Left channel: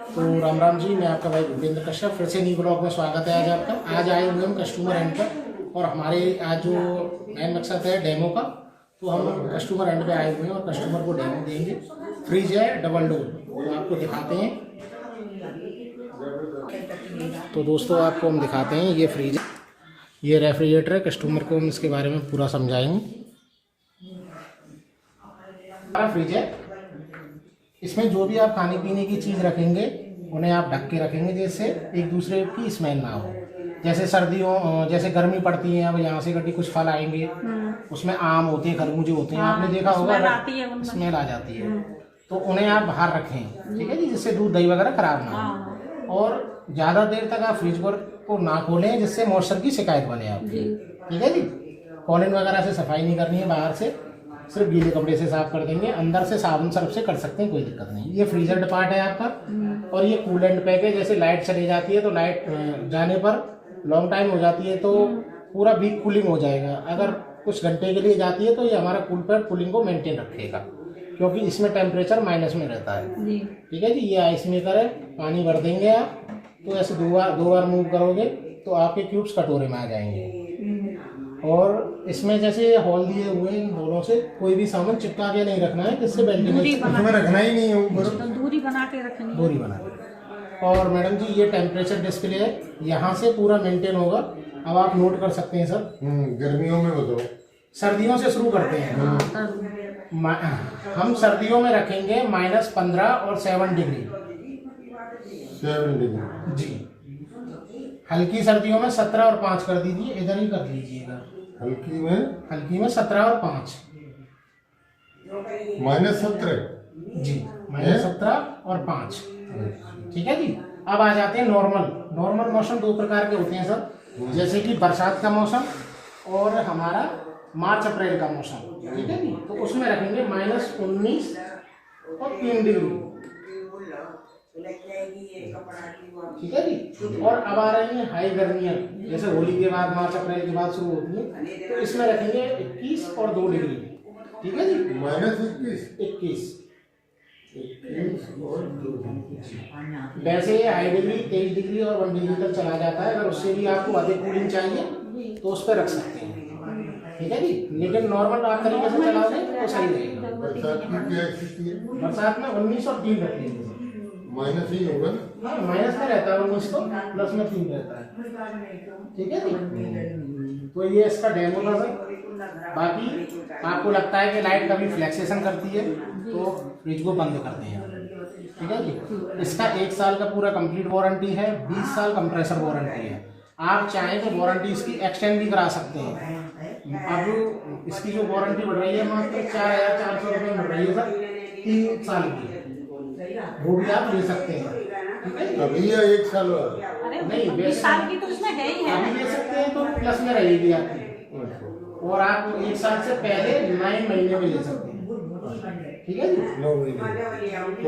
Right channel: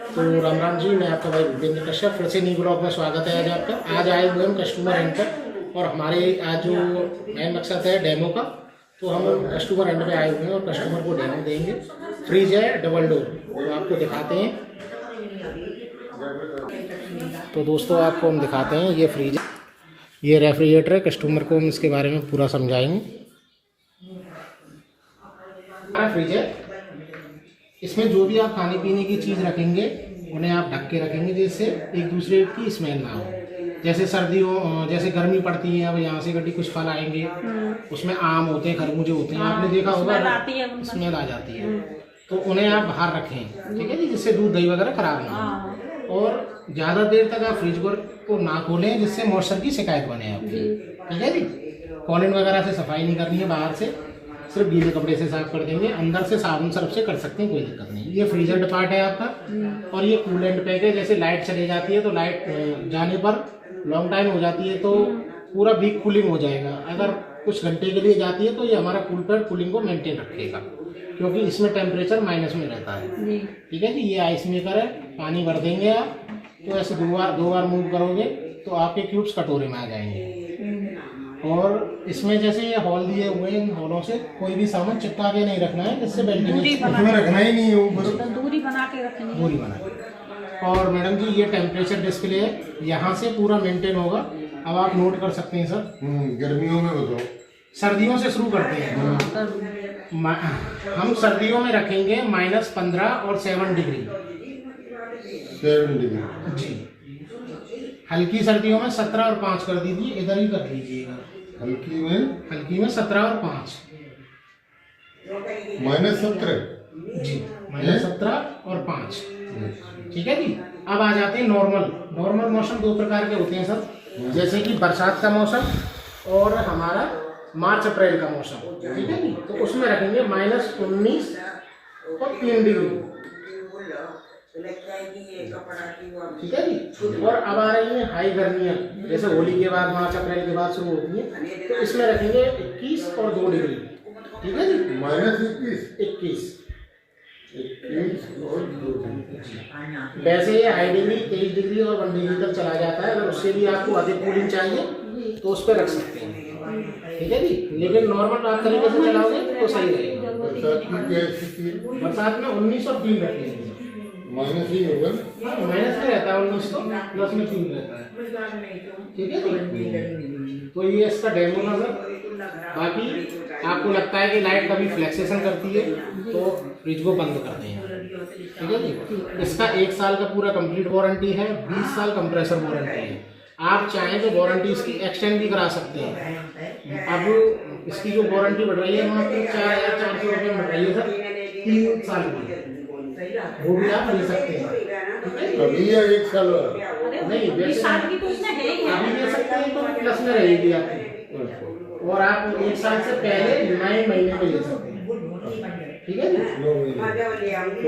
तो राम राम जी, मैं आपका भाई भूपेंद्र कश्यप, फिर से न्यू ब्लॉग में स्वागत है आज आपका। आज आए हुए हम कस्टमर एंड पर, और हमारे आज जो मेन मकसद है डेमो का, तो हम कस्टमर एंड पे आए हुए हैं और कस्टमर को डेमो देंगे। फ्रिज है डबल डोर, तो आपको दिखाते हैं। तो दोस्तों आपको हम दिखाते हैं, ये फ्रिज है, ये रेफ्रिजरेटर है। कस्टमर को हम इसके बारे में पूरा समझाएंगे। फ्रिज है, इसमें जो भी आप खाने पीने की चीज़ रखेंगे उन्हें आप ढक के रखेंगे, जिससे एक दूसरे की स्मेल ना हो। जैसे सर्दियों, जैसे गर्मी पड़ती है, अब यहाँ से गड्डी कुछ फल आएंगे, उसमें आम होते हैं, खरबूजे होते हैं, आपने देखा होगा, स्मेल आ जाती है, तो उन्हें आप बाहर रखें, ठीक है जी, जिससे दूध दही वगैरह खराब ना हो। और ज़्यादा देर तक आप फ्रिज को ना खोलें, जिससे मॉइस्चर की शिकायत बने आपकी, ठीक है जी। कॉलिन वगैरह से सफाई नहीं करनी है, बाहर से सिर्फ गीले कपड़े से साफ कर देंगे, अंदर से साबुन सर्फ से कर सकते हैं, कोई दिक्कत नहीं। ये फ्रीजर डिपार्ट है आपका, और ये कूलेंट पैक है। जैसे लाइट चली जाती है तो लाइट जाने पर लॉन्ग टाइम हो जाती है तो पूरा वीक कूलिंग हो जाएगा। अगर कुछ घंटे के लिए जाती है तो ये हमारा कूल पैड कूलिंग को मेंटेन रखेगा, क्योंकि इसमें टेम्परेचर माइनस में रहता है, ठीक है जी। ये आइस मेकर है, पानी भर देंगे आप, तो ऐसे दो बार मूव करोगे तो आपके क्यूब्स कटोरे में आ जाएंगे। और इसमें जैसे ये हॉल दिए हुए हैं, इन हॉलों से कोई भी सामान चिपका के नहीं रखना है, जिससे वेंटिलेशन उसमें रखना ही नहीं है, वो दूरी बना के रखनी है, दूरी बना के। और मैडम जी ये टेम्परेचर डिस्प्ले है, यहाँ से पूरा मेंटेन होगा। अब आप नोट कर सकते हैं सर। गर्मियों में बताओ, सर्दियों से शुरू करते हैं हम। सर्दियों में रखेंगे -15 और 7 डिग्री जी। हल्की सर्दियों में 17 और 5 कर दीजिए, इधर ही कर लीजिएगा। हल्की में 17 और 5 -17 जी, -17 और 5, ठीक है जी। अब आ जाते हैं नॉर्मल मौसम। दो प्रकार के होते हैं सर, जैसे कि बरसात का मौसम और हमारा मार्च अप्रैल का मौसम, ठीक है जी। तो उसमें रखेंगे -19 और 3 डिग्री, ठीक है जी। और अब आ रही है हाई गर्मियाँ, जैसे होली के बाद मार्च अप्रैल के बाद शुरू होती है, तो इसमें रखेंगे 21 और 2 डिग्री, ठीक है जी। -21 और 2 डिग्री। वैसे ये आइडियली 23 डिग्री और 1 डिग्री तक चला जाता है। अगर उससे भी आपको अधिक कूलिंग चाहिए तो उस पर रख सकते हैं, ठीक है जी। लेकिन नॉर्मल आप तरीके से चलाओगे तो सही रहेगा। बरसात में 19 और 3 रखेंगे, माइनस ही होगा, माइनस में रहता है 19 तो, प्लस में 3 रहता है, ठीक है जी। तो ये इसका डेमो था सर। बाकी आपको लगता है कि लाइट कभी फ्लैक्सेशन करती है तो फ्रिज को बंद कर दें, ठीक है जी। इसका 1 साल का पूरा कंप्लीट वारंटी है, 20 साल कंप्रेसर वारंटी है। आप चाहें तो वारंटी इसकी एक्सटेंड भी करा सकते हैं। अब इसकी जो वारंटी बढ़ रही है मात्र 4,400 रुपये बढ़ रही है सर, 3 साल की, वो भी आप ले सकते हैं, अभी या 1 साल नहीं, 20 साल की तो उसमें है ही, अभी ले सकते हैं तो प्लस में रहेगी आपकी। और आप 1 साल से पहले 9 महीने में ले सकते हैं, ठीक है जी।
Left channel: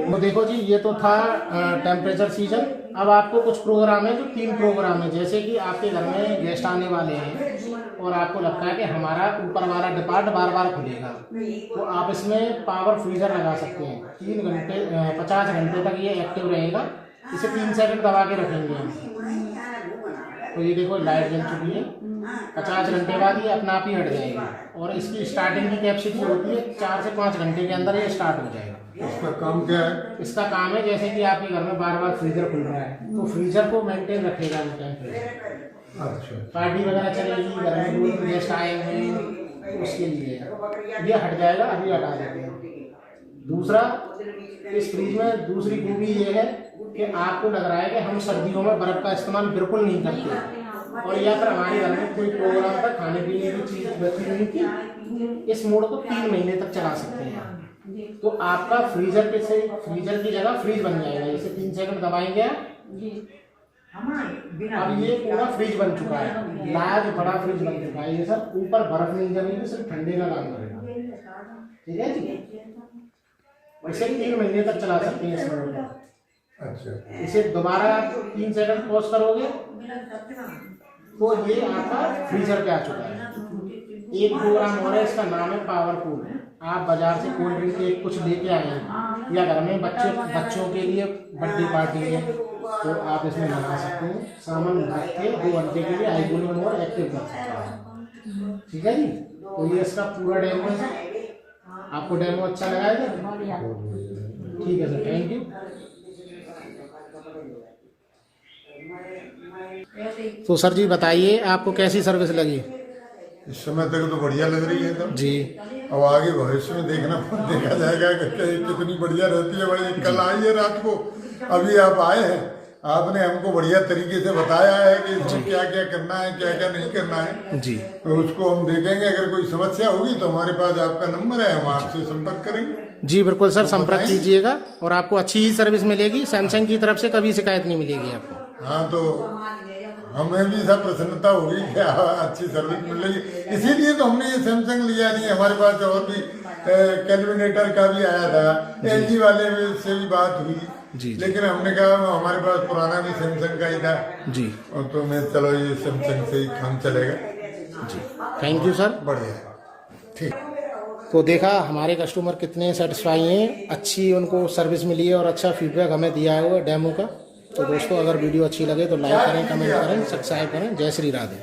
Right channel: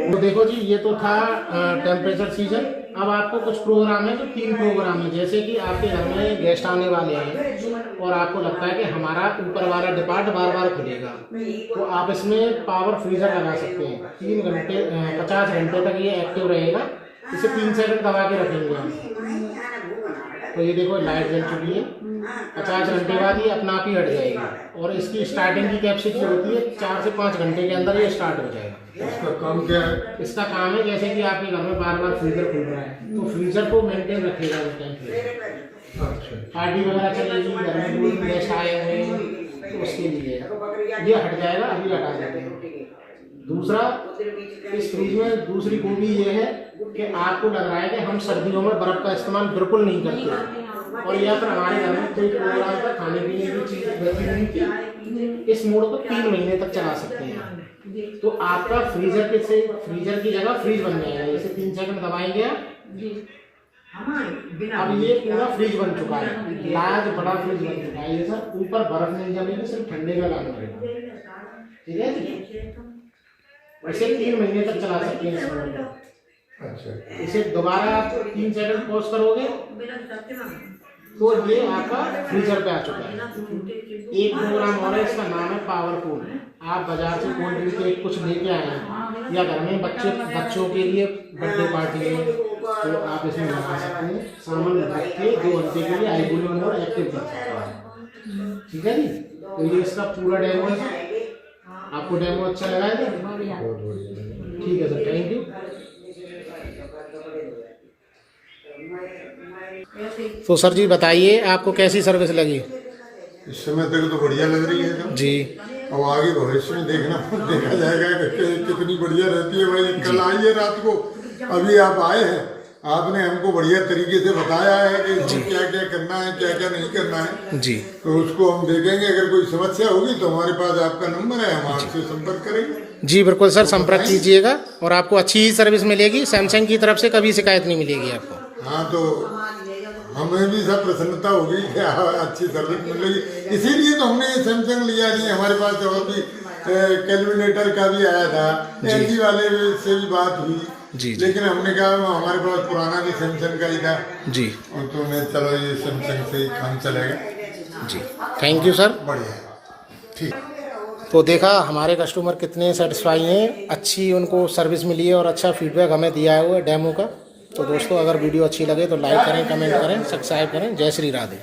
तो देखो जी, ये तो था टेम्परेचर सीजन। अब आपको कुछ प्रोग्राम है, जो 3 प्रोग्राम है। जैसे कि आपके घर में गेस्ट आने वाले हैं और आपको लगता है कि हमारा ऊपर वाला डिपार्ट बार बार खुलेगा, तो आप इसमें पावर फ्रीजर लगा सकते हैं। 3 घंटे 50 घंटे तक ये एक्टिव रहेगा। इसे 3 सेकंड दबा के रखेंगे हम, तो ये देखो लाइट जल चुकी है। 50 घंटे बाद ये अपना आप ही हट जाएगी, और इसकी स्टार्टिंग की कैपेसिटी होती है 4 से 5 घंटे के अंदर ये स्टार्ट हो जाएगा। इसका काम क्या है? इसका काम है, जैसे कि आपके घर में बार बार फ्रीजर खुल रहा है तो फ्रीजर को मेंटेन रखेगा। अच्छा, पार्टी वगैरह चलेगी, घर में कोई गेस्ट आए हैं तो उसके लिए ये हट जाएगा, अभी हटा देते हैं। दूसरा, इस फ्रिज में दूसरी खूबी ये है कि आपको लग रहा है कि हम सर्दियों में बर्फ का इस्तेमाल बिल्कुल नहीं करते, और या फिर हमारे घर में कोई प्रोग्राम पर खाने पीने की चीज बची नहीं थी, इस मोड को 3 महीने तक चला सकते हैं। तो आपका फ्रीजर की जगह फ्रिज बन जाएगा। जैसे 3 सेकंड दबाएंगे, अब ये पूरा फ्रिज बन चुका है, लार्ज बड़ा फ्रिज बन चुका है ये सर। ऊपर बर्फ नहीं जमेगी, सिर्फ ठंडे का काम करेगा, ठीक है जी। वैसे 3 महीने तक चला सकते हैं इस मोड को। अच्छा, इसे दोबारा 3 सेकंड पॉज करोगे तो ये आपका फ्रीजर पे आ चुका है। एक प्रोग्राम और है, इसका नाम है पावरफुल। आप बाजार से कोल्ड ड्रिंक के कुछ लेके आए हैं या घर में बच्चों के लिए बर्थडे पार्टी है तो आप इसमें लगा सकते हैं। सामान रख के 2 घंटे के लिए आई कूलिंग और एक्टिव कर सकते हैं। ठीक है जी, तो ये इसका पूरा डेमो है सर। आपको डेमो अच्छा लगा है? ठीक है सर, थैंक यू। तो सर जी बताइए आपको कैसी सर्विस लगी? इस समय तक तो बढ़िया लग रही है सर। जी, अब आगे भविष्य में देखा जाएगा कि कितनी बढ़िया रहती है भाई। कल आई है रात को, अभी आप आए हैं, आपने हमको बढ़िया तरीके से बताया है कि इसमें क्या क्या करना है, क्या क्या नहीं करना है जी, तो उसको हम देखेंगे। अगर कोई समस्या होगी तो हमारे पास आपका नंबर है, हम आपसे संपर्क करेंगे। जी बिल्कुल सर, संपर्क कीजिएगा और आपको अच्छी ही सर्विस मिलेगी। सैमसंग की तरफ से कभी शिकायत नहीं मिलेगी आपको। हाँ, तो हमें भी सब प्रसन्नता होगी कि अच्छी सर्विस मिल रही है। इसीलिए तो हमने ये सैमसंग लिया नहीं। हमारे पास और भी कैलकुलेटर का भी आया था, एलजी वाले से भी बात हुई जी, लेकिन हमने कहा हमारे पास पुराना भी सैमसंग का ही था जी, और तो मैं चलो ये सैमसंग से ही काम चलेगा। जी, थैंक यू सर। बढ़िया, ठीक। तो देखा हमारे कस्टमर कितने सेटिस्फाई हैं, अच्छी उनको सर्विस मिली है और अच्छा फीडबैक हमें दिया है वो डेमो का। तो दोस्तों अगर वीडियो अच्छी लगे तो लाइक करें, कमेंट करें, सब्सक्राइब करें। जय श्री राधे।